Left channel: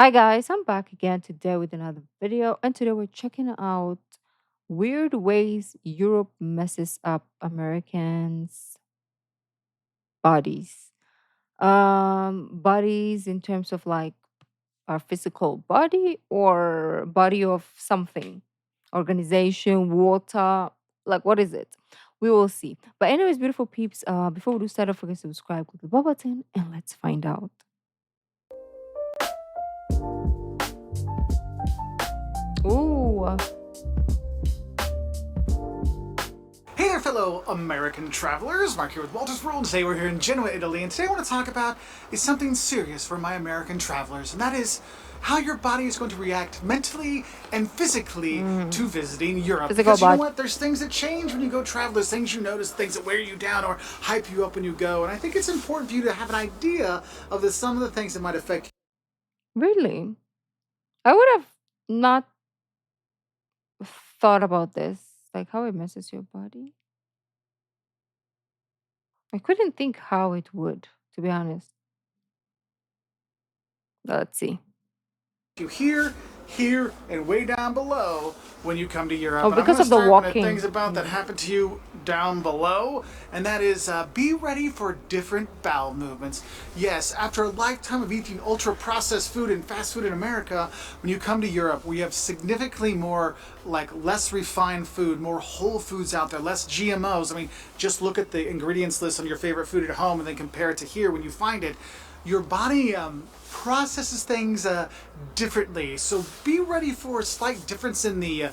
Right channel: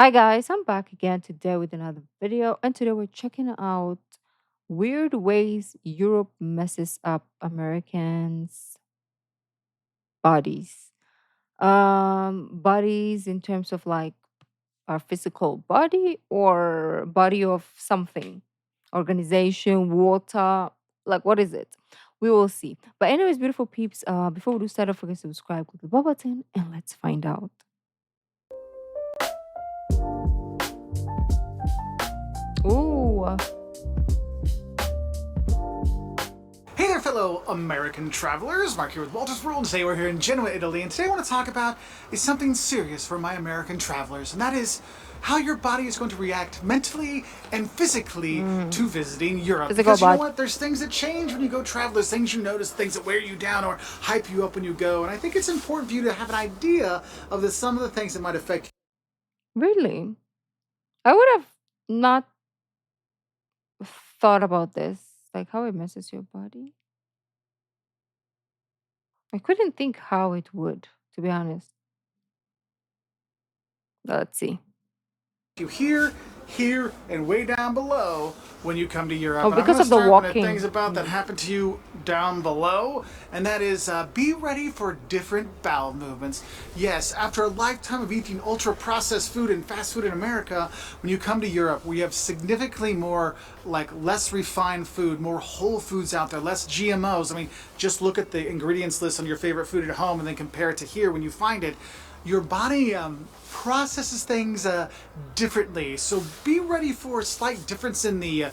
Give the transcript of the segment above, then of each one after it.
Hi guys, I'm back again today with another video, and today we're checking out weird ways Europe messes up Americans' bodies. Bodies in terms of like our physical body or body of something, organization, water, like what is it? We will see. But anyways, beautiful peeps, before we do start, don't forget to subscribe, click the bell button, and let's find out. Ooh, Hey there, fellow American travelers. Mark here with Walter's World. Today we're here in Genoa, Italy, and today I want to talk about is something serious for my American travelers, and that is how your body is going to react mentally and physically to mm, visiting Europe. physical Because you know body. what? There's things that change when you go travel. There's things you notice, things that wear you down or hype you up when you go. And I think it's important for you to have an idea of some of the things that might affect Really? I would have not thought about this, like how it messes your body. I couldn't think how it would, to be honest. Let's see. you here, and way down below when you come to Oh, Europe. And I'm because going to of the start with the things walking. about that Mm. happen to you down below, and that is be ready for different bowel movements. Yes, after a lifetime of eating ultra processed food and fast food in America, when you come to Europe, we have significantly more, like, less refined food, more whole foods out there, less GMOs. I mean, just look at the ingredients list on your favorite food at home and then compare it to here when you find it. Your body processes things differently. So be ready for a slight difference in the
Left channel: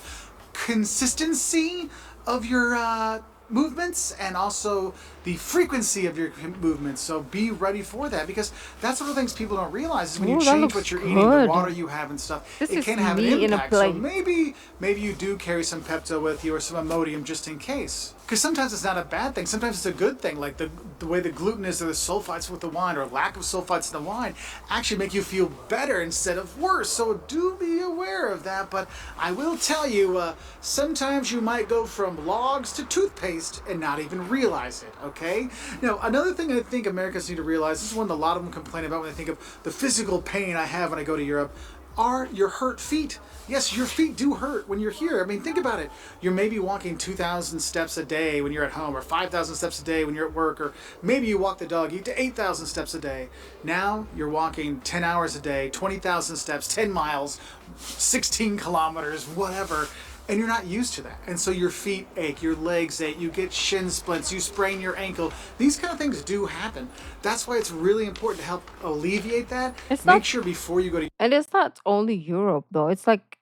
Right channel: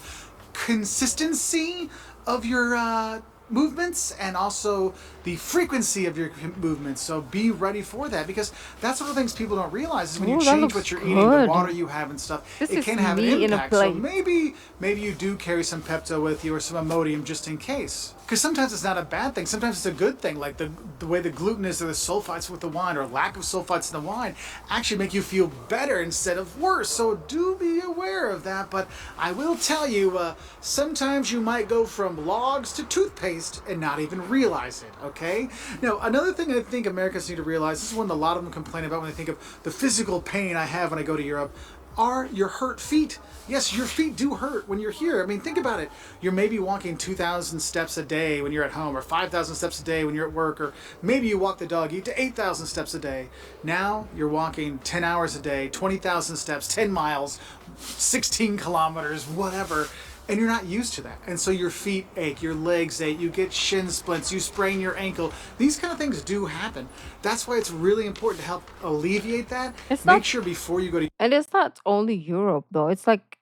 consistency of your movements and also the frequency of your movements. So be ready for that, because that's one of the things people don't realize is when you Oh, that change looks what you're eating, the water good. you have and stuff, This it is can have an me in a impact. So plate. maybe you do carry some Pepto with you or some Imodium just in case. Because sometimes it's not a bad thing. Sometimes it's a good thing, like the way the gluten is or the sulfites with the wine or lack of sulfites in the wine actually make you feel better instead of worse. So do be aware of that. But I will tell you, sometimes you might go from logs to toothpaste and not even realize it, okay? Now, another thing I think Americans need to realize, this is one that a lot of them complain about when they think of the physical pain I have when I go to Europe, are your hurt feet. Yes, your feet do hurt when you're here. I mean, think about it. You're maybe walking 2,000 steps a day when you're at home, or 5,000 steps a day when you're at work, or maybe you walk the dog, eat to 8,000 steps a day. Now you're walking 10 hours a day, 20,000 steps, 10 miles, 16 kilometers, whatever, and you're not used to that. And so your feet ache, your legs ache, you get shin splints, you sprain your ankle. These kind of things do happen. That's why it's really important to help alleviate that. It's Make not, sure before you go to and it's not only Europe though. It's like,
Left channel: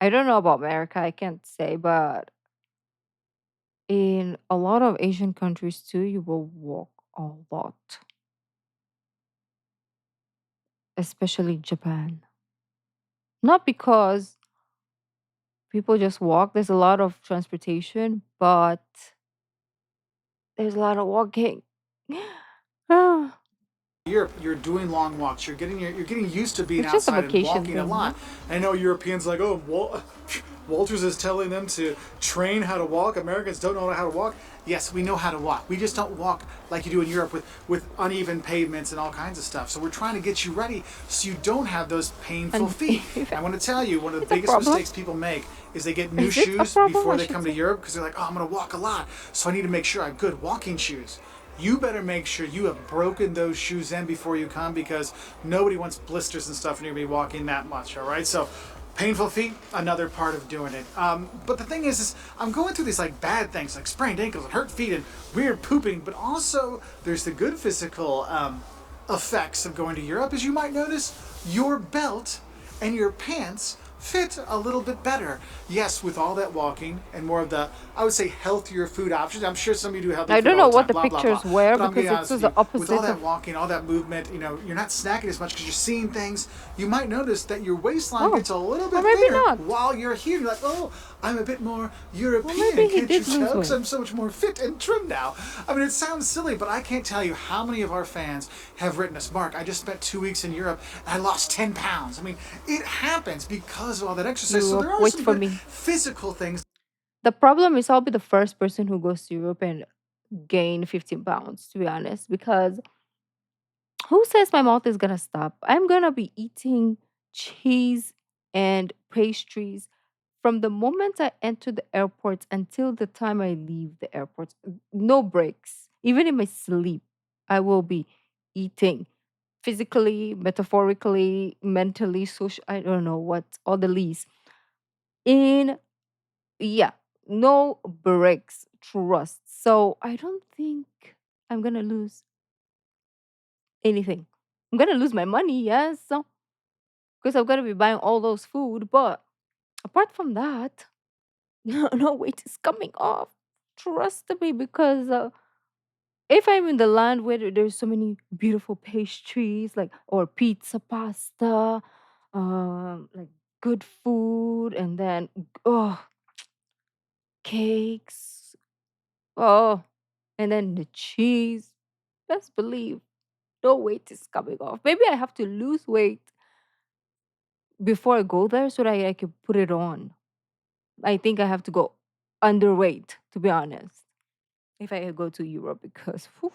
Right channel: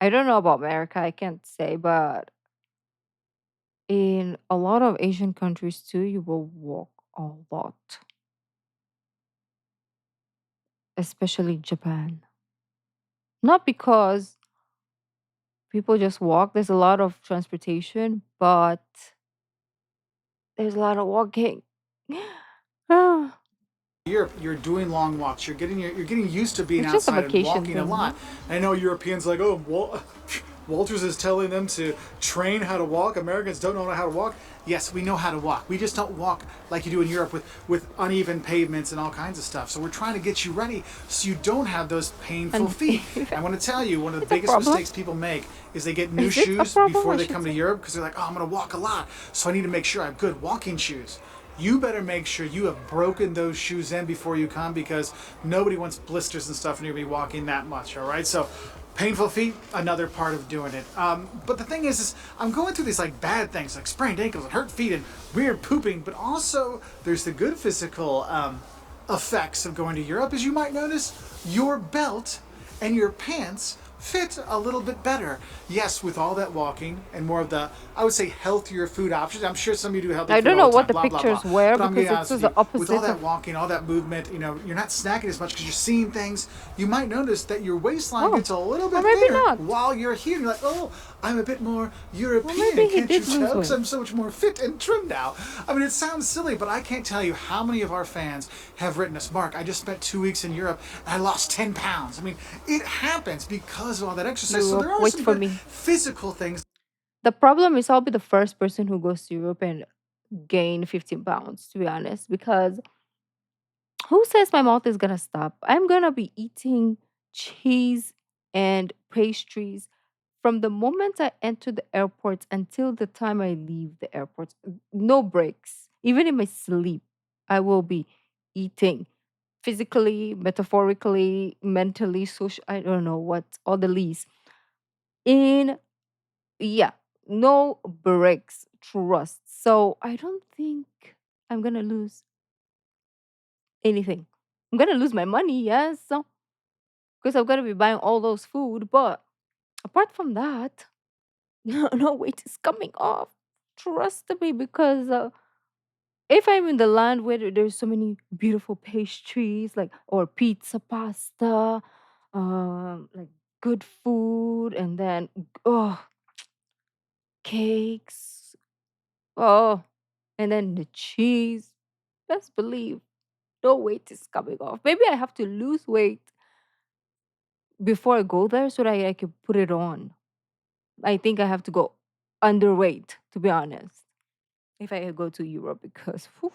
I don't know about America, I can't say, but in a lot of Asian countries too, you will walk a lot, especially Japan. Not because people just walk, there's a lot of transportation, but there's a lot of walking. Ah, Europe, you're doing long walks. You're getting used to being it's just a outside and vacation walking a thing, lot. no? I know Europeans like, oh, Walters is telling them to train how to walk. Americans don't know how to walk. Yes, we know how to walk. We just don't walk like you do in Europe with uneven pavements and all kinds of stuff. So we're trying to get you ready so you don't have those painful And feet. And I want to tell you, one of the it's a biggest problem. mistakes people make is they get new Is it a shoes problem, before I they should come to say? Europe because they're like, oh, I'm going to walk a lot, so I need to make sure I have good walking shoes. You better make sure you have broken those shoes in before you come, because nobody wants blisters and stuff and you're going to be walking that much, all right? So painful feet, another part of doing it. But the thing is I'm going through these like bad things like sprained ankles and hurt feet and weird pooping, but also there's the good physical effects of going to Europe. As you might notice, your belt and your pants fit a little bit better. Yes, with all that walking and more of the, I would say, healthier food options. I'm sure some of you do healthy I food don't all know the what time, the blah, blah, blah. pictures were But I'm going to because be it honest was with the you, with all opposite that of. walking, all that movement, you're not snacking as much because you're seeing things. You might notice that your waistline Oh, gets a little or bit maybe thinner not. while you're here. You're like, oh, I'm a bit more Well, European, maybe he can't you did tell? lose Because weight. I'm so much more fit and trim now. I mean, it sounds silly, but I can't tell you how many of our fans have written us, Mark, I just spent 2 weeks in Europe and I lost 10 pounds. I mean, it happens because of all that exercise. So there are Wait some for good me. physical things. The problem is I'll be the first person who goes to Europe and gain 15 pounds, to be honest, because Who says my mouth is gonna stop? I'm gonna be eating cheese and pastries from the moment I enter the airport until the time I leave the airport. No breaks. Even in my sleep, I will be eating physically, metaphorically, mentally, social. I don't know what, all the least. In, yeah, no breaks, trust. So I don't think I'm gonna lose anything. I'm gonna lose my money, yes, because I'm gonna be buying all those food. But apart from that, no weight is coming off. Trust me, because if I'm in the land where there's so many beautiful pastries, like or pizza, pasta, like good food, and then oh cakes, oh, and then the cheese. Best believe no weight is coming off. Maybe I have to lose weight before I go there so that I can put it on. I think I have to go underweight, to be honest, if I go to Europe because whew,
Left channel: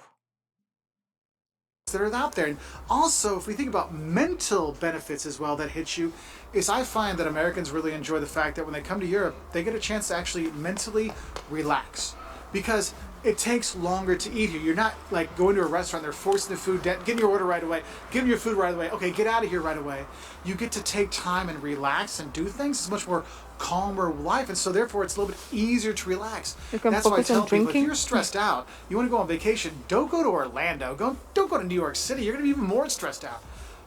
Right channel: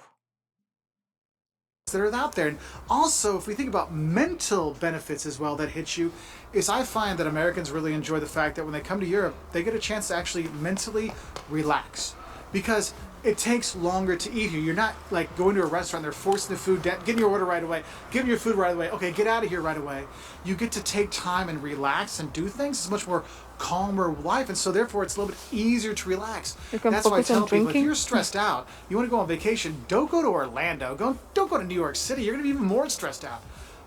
that are out there. And also, if we think about mental benefits as well that hit you, is I find that Americans really enjoy the fact that when they come to Europe, they get a chance to actually mentally relax. Because it takes longer to eat here. You're not like going to a restaurant, they're forcing the food down, getting your order right away, giving your food right away. Okay, get out of here right away. You get to take time and relax and do things. It's much more calmer life, and so therefore it's a little bit easier to relax. you can That's why I focus on tell people, if drinking. you're stressed out, you want to go on vacation, don't go to Orlando, don't go to New York City. You're going to be even more stressed out.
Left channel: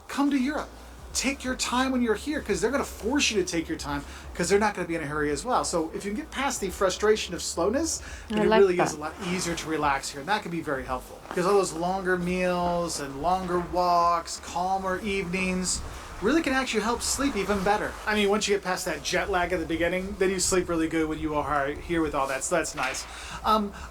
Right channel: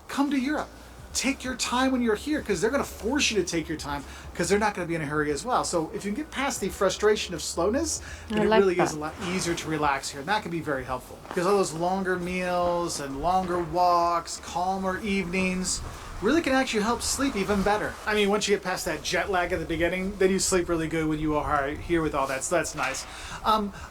Come to Europe. Take your time when you're here, because they're going to force you to take your time, because they're not going to be in a hurry as well. So if you can get past the frustration of slowness, then I it like really is that. a lot easier to relax here, and that can be very helpful, because all those longer meals and longer walks, calmer evenings really can actually help sleep even better. I mean, once you get past that jet lag at the beginning, then you sleep really good when you are here with all that. So that's nice.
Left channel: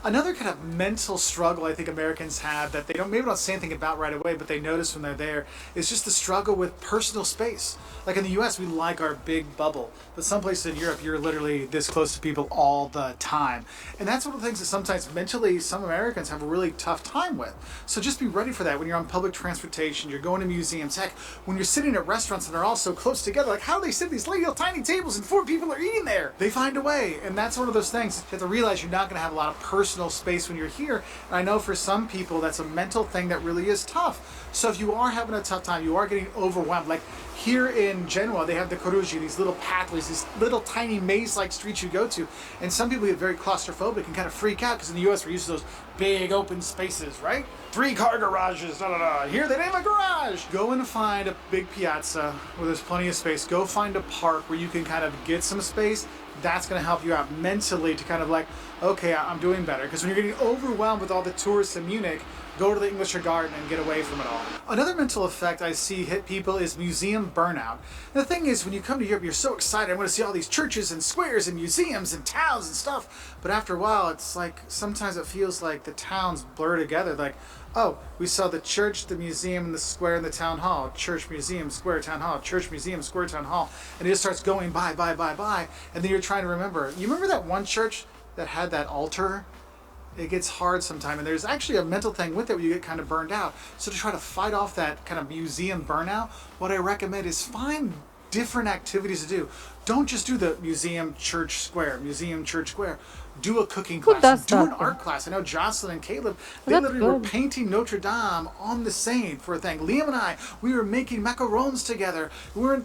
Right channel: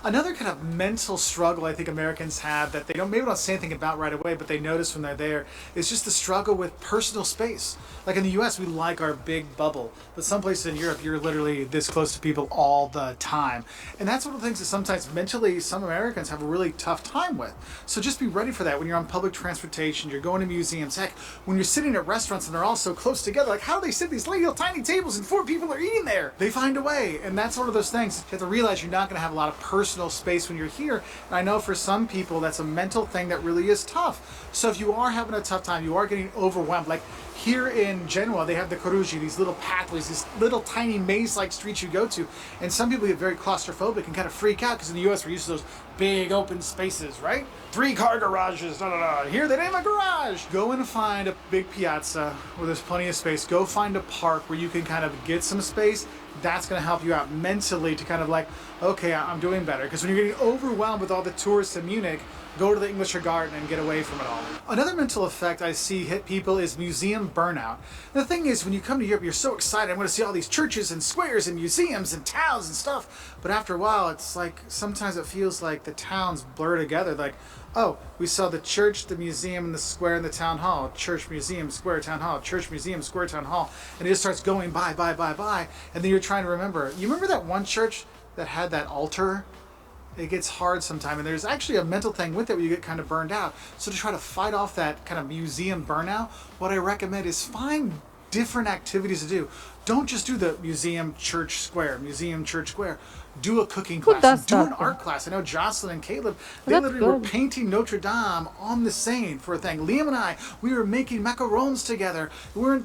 Another kind of mental struggle I think Americans have that they don't maybe don't say anything about right away, but they notice when they're there is just the struggle with personal space. Like in the U.S., we like our big bubble, but some places in Europe, you're literally this close to people all the time, and that's one of the things that sometimes mentally some Americans have a really tough time with. So just be ready for that when you're on public transportation, you're going to museums. Heck, when you're sitting at restaurants and they're all so close together, like how do they sit at these little tiny tables and 4 people are eating there? They find a way, and that's one of those things. You have to realize you're not going to have a lot of personal space when you're here, and I know for some people that's a mental thing that really is tough. So if you are having a tough time, you are getting overwhelmed, like here in Genoa, they have the Corugi, these little pathways, these little tiny maze-like streets you go to, and some people get very claustrophobic and kind of freak out because in the U.S. we're used to those big open spaces, right? 3-car garages, da da da. Here they name a garage. Go and find a big piazza where there's plenty of space. Go find a park where you can kind of get some space. That's going to help you out mentally to kind of like, okay, I'm doing better. Because when you're getting overwhelmed with all the tourists in Munich, go to the English Garden and get away from it all. Another mental effect I see hit people is museum burnout. And the thing is, when you come to Europe, you're so excited. I'm going to see all these churches and squares and museums and towns and stuff. But after a while, it's like sometimes it feels like the towns blur together. Like, oh, we saw the church, the museum, and the square, and the town hall. Church, museum, square, town hall. Church, museum, square, town hall. And it just starts going by. And then you're trying to remember. You remember that one church that had that altar? It gets hard sometimes, and there's actually a mental thing with it where you get kind of burned out. So to try to fight off that kind of museum burnout, what I recommend is find different activities to do. Don't just do the museum, church, square. Do a cooking Who class, does do an that though? art class. I know Jocelyn and Caleb, they That's literally were good. painting Notre Dame on the Seine for a thing. Liam and I, we were making macarons together. We're in,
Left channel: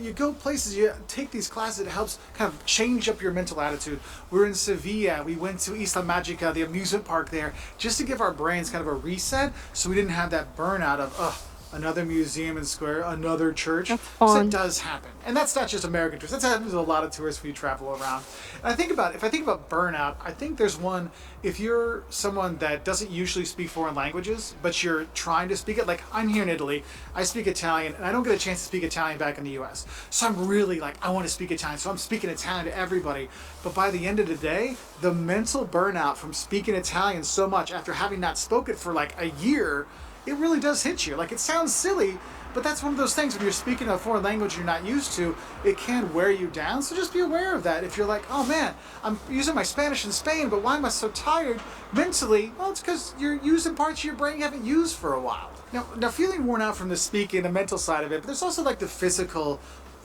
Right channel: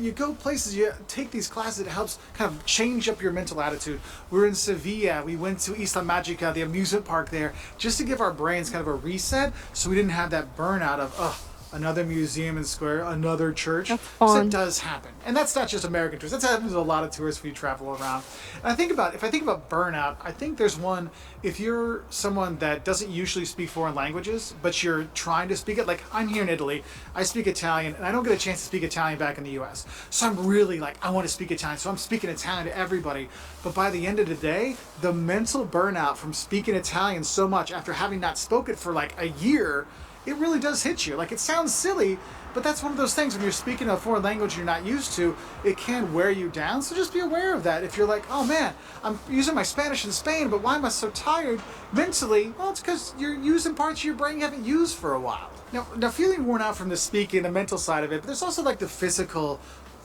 you go places, you take these classes, it helps kind of change up your mental attitude. We're in Sevilla, we went to Isla Magica, the amusement park there, just to give our brains kind of a reset so we didn't have that burnout of, ugh, another museum and square, another church. That's Because that fun. does happen. And that's not just American tourists. That happens to a lot of tourists when you travel around. And if I think about burnout, I think there's one, if you're someone that doesn't usually speak foreign languages, but you're trying to speak it, like I'm here in Italy, I speak Italian, and I don't get a chance to speak Italian back in the US. So I'm really like, I want to speak Italian, so I'm speaking Italian to everybody. But by the end of the day, the mental burnout from speaking Italian so much after having not spoken for like a year, it really does hit you. Like it sounds silly, but that's one of those things when you're speaking a foreign language you're not used to, it can wear you down. So just be aware of that. If you're like, oh man, I'm using my Spanish in Spain, but why am I so tired mentally? Well, it's because you're using parts of your brain you haven't used for a while. Now, feeling worn out from the speaking, the mental side of it, but there's also like the physical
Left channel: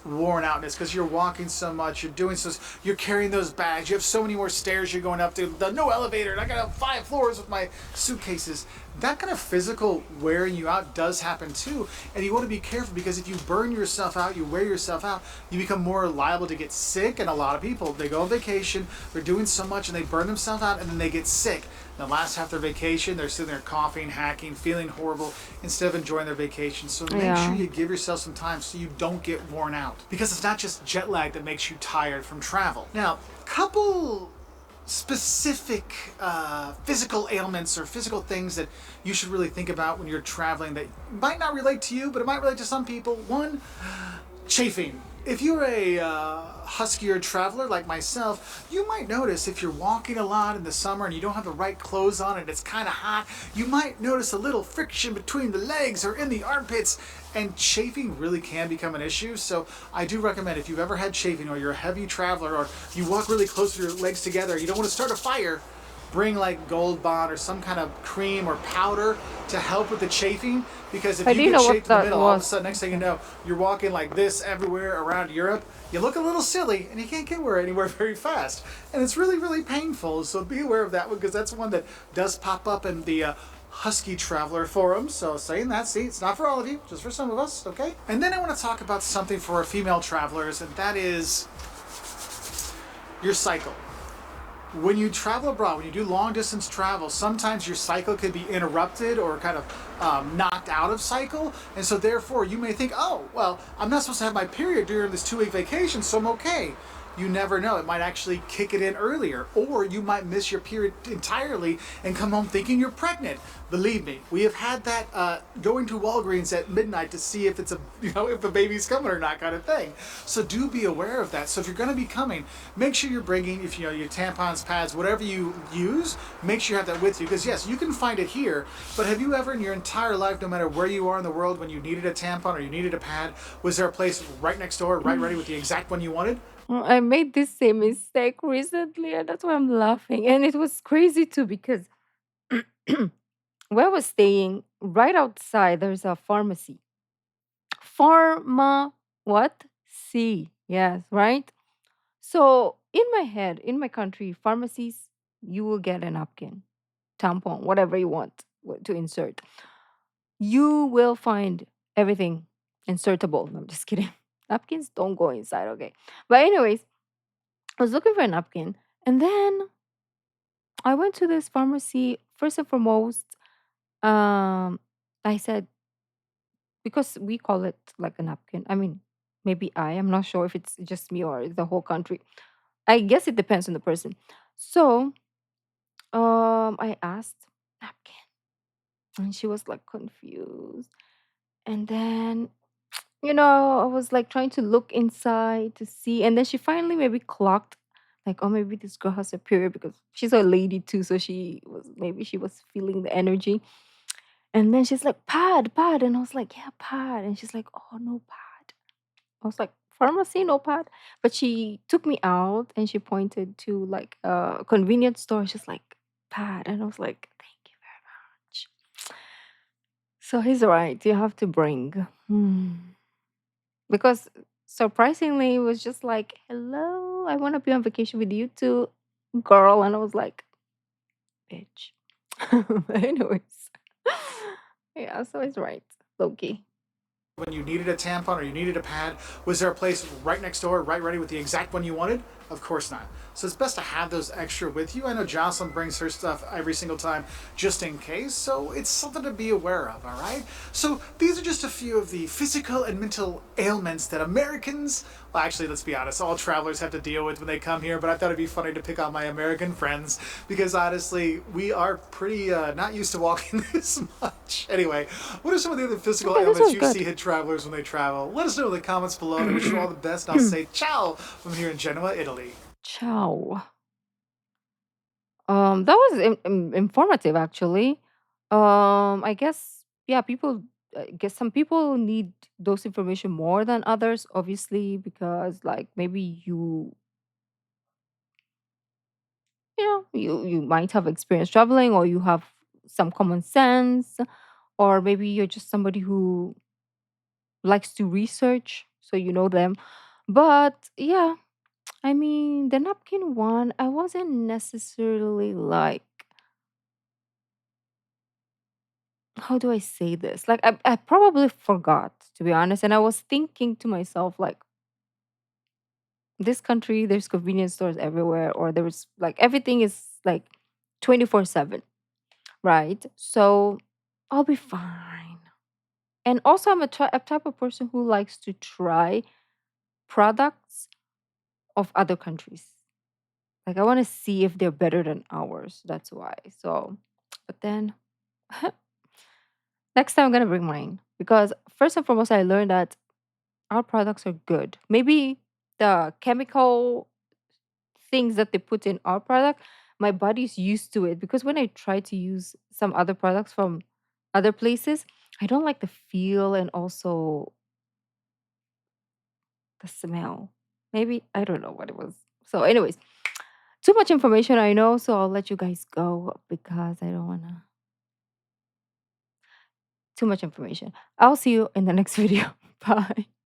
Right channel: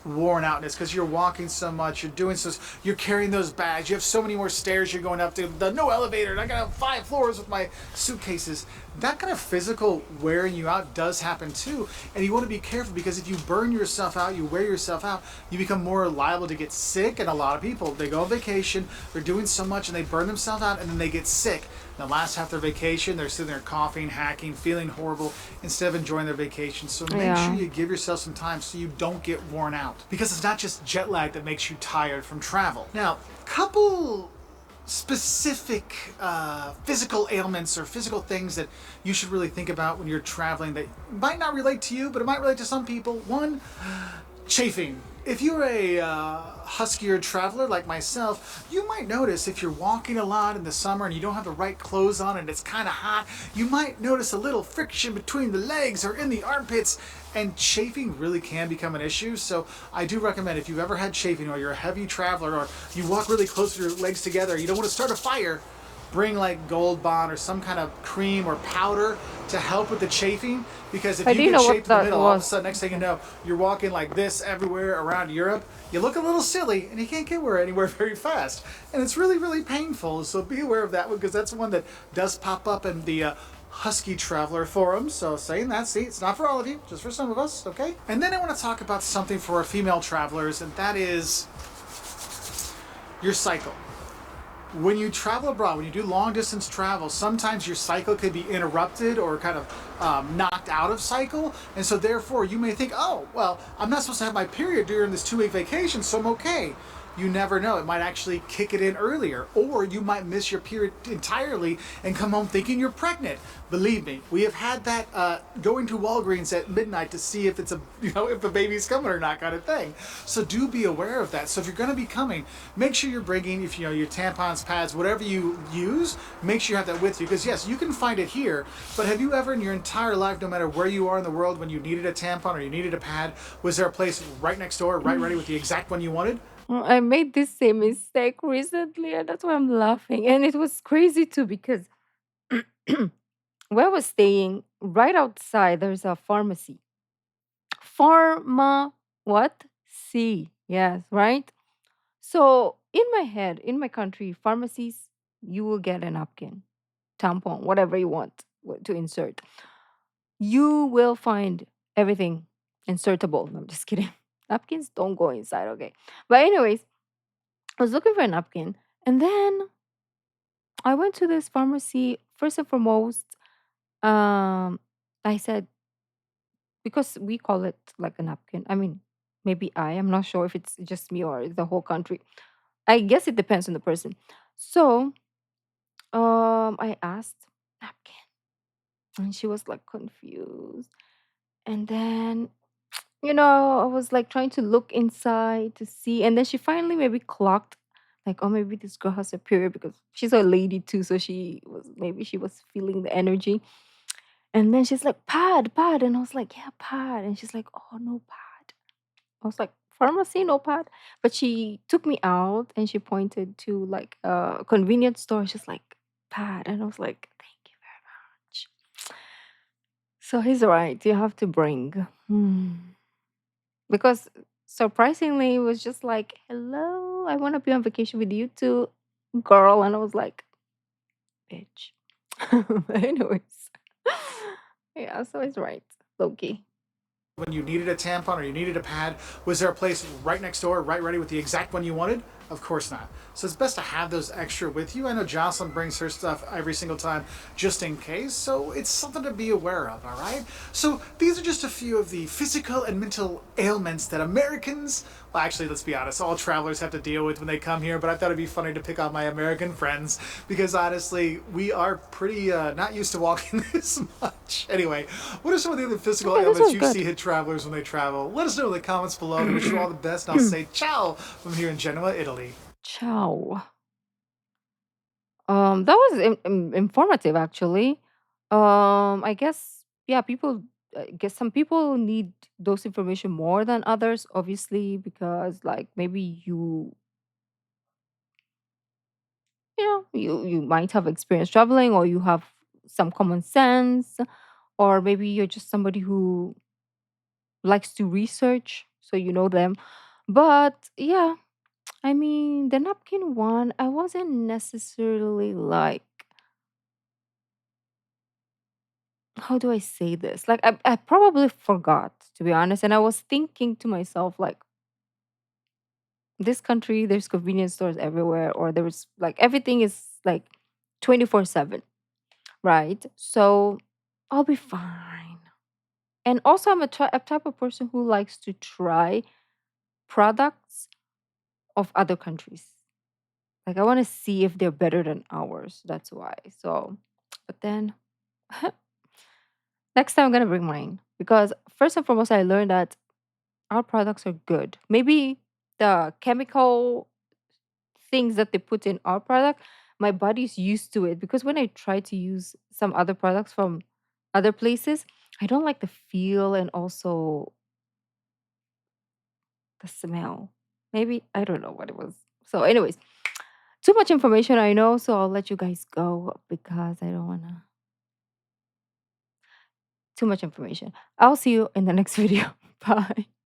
worn outness because you're walking so much, you're doing so, you're carrying those bags, you have so many more stairs you're going up to, the no elevator, and I got up 5 floors with my suitcases. That kind of physical wearing you out does happen too, and you want to be careful because if you burn yourself out, you wear yourself out, you become more liable to get sick. And a lot of people, they go on vacation, they're doing so much, and they burn themselves out, and then they get sick. The last half of their vacation, they're sitting there coughing, hacking, feeling horrible instead of enjoying their vacation. So make sure Yeah. you give yourself some time so you don't get worn out. Because it's not just jet lag that makes you tired from travel. Now, couple specific physical ailments or physical things that you should really think about when you're traveling that might not relate to you, but it might relate to some people. One, chafing. If you're a huskier traveler like myself, you might notice if you're walking a lot in the summer and you don't have the right clothes on and it's kind of hot, you might notice a little friction between the legs or in the armpits, and chafing really can become an issue. So I do recommend if you've ever had chafing or you're a heavy traveler or you walk really close with your legs together, you don't want to start a fire, bring like Gold Bond or some kind of cream or powder to help with the chafing. Because if I you didn't get know what chafed in the that middle, all of a was. sudden, next thing you Okay. know, you're walking like this everywhere around Europe. You look a little silly and you can't get anywhere very fast. And it's really, really painful. So be aware of that one because that's one that does pop up in the Husky Traveler forum. So saying that, see, it's not for all of you, just for some of us, okay? And then I want to talk about something for our female travelers, and that is your cycle. When you travel abroad, when you do long distance travel, sometimes your cycle could be interrupted or kind of knocked out of cycle. And so, therefore, you may think, oh, well, I'm not supposed to have my period during this 2 week vacation, so I'm okay. You never know. It might actually kick it in earlier, or you might miss your period entirely and come home thinking you're pregnant. Believe me, we have had that going to Walgreens at midnight to see if it's a if the baby's coming or not kind of thing. So do be aware of that. So if you're going to be coming, make sure you're bringing if your tampons, pads, whatever you use, make sure you have that with you because yes, you can find it here. But have you ever in your entire life, no matter where you are in the world, when you needed a tampon or you needed a pad, was there a place right next door, right ready with the exact one you wanted? I made this same mistake recently, and that's why I'm laughing. And it was crazy too because where I was staying, right outside, there's a pharmacy. Pharma, what? C. Yes, right? So in my head, in my country, pharmacies, you will get a napkin, tampon, whatever you want to insert. You will find everything insertable. No, I'm just kidding. Napkins don't go inside, okay. But anyways, I was looking for a napkin, and then I went to this pharmacy. First and foremost, um, I said because we call it like a napkin. I mean, maybe I'm not sure if it's just me or the whole country. I guess it depends on the person. So, I asked napkin, and she was like confused. And then, I was like trying to look inside to see, and then she finally maybe clocked, like, oh, maybe this girl has a period because she's a lady too, so she was feeling the energy. And then she's like, pad, pad, and I was like, yeah, pad, and she's like, oh, no pad. I was like, pharmacy, no pad. But she took me out and she pointed to like a convenience store. She's like, pad. And I was like, thank you very much. So he's right. You have to bring. Because surprisingly, it was just like, hello, I want to be on vacation with you too, girl. And I was like, bitch. But anyways, yeah, so he's right. Loki. When you needed a tampon or you needed a pad, was there a place right next door, right ready with the exact one you wanted? Of course not. So it's best to have those extra with you. I know Jocelyn brings her stuff every single time just in case, so it's something to be aware of, all right? So these are just a few of the physical and mental ailments that Americans, well, actually, let's be honest, all travelers have to deal with when they come here, but I thought it'd be funny to pick on my American friends because honestly, we are pretty not used to walking this much. Anyway, what are some of the other physical Okay, this ailments was you good. see hit travelers when they travel? Let us know in the comments below. I wish you all the best, and I'll say ciao from here in Genoa, Italy. Ciao. That was informative actually. I guess yeah, people. I guess some people need those information more than others, obviously, because like maybe you might have experience traveling, or you have some common sense, or maybe you're just somebody who likes to research, so you know them. But yeah, I mean, the napkin one, I wasn't necessarily like, how do I say this? Like, I probably forgot, to be honest. And I was thinking to myself, like, this country, there's convenience stores everywhere, or there's like everything is like 24/7, right? So I'll be fine. And also, I'm a type of person who likes to try products of other countries. Like, I want to see if they're better than ours. That's why. So, but then next time I'm gonna bring mine because first and foremost, I learned that our products are good. Maybe the chemical things that they put in our product, my body's used to it because when I try to use some other products from other places, I don't like the feel and also the smell. Maybe I don't know what it was. So, anyways, too much information I know, so I'll let you guys go because I don't wanna too much information. I'll see you in the next video. Bye.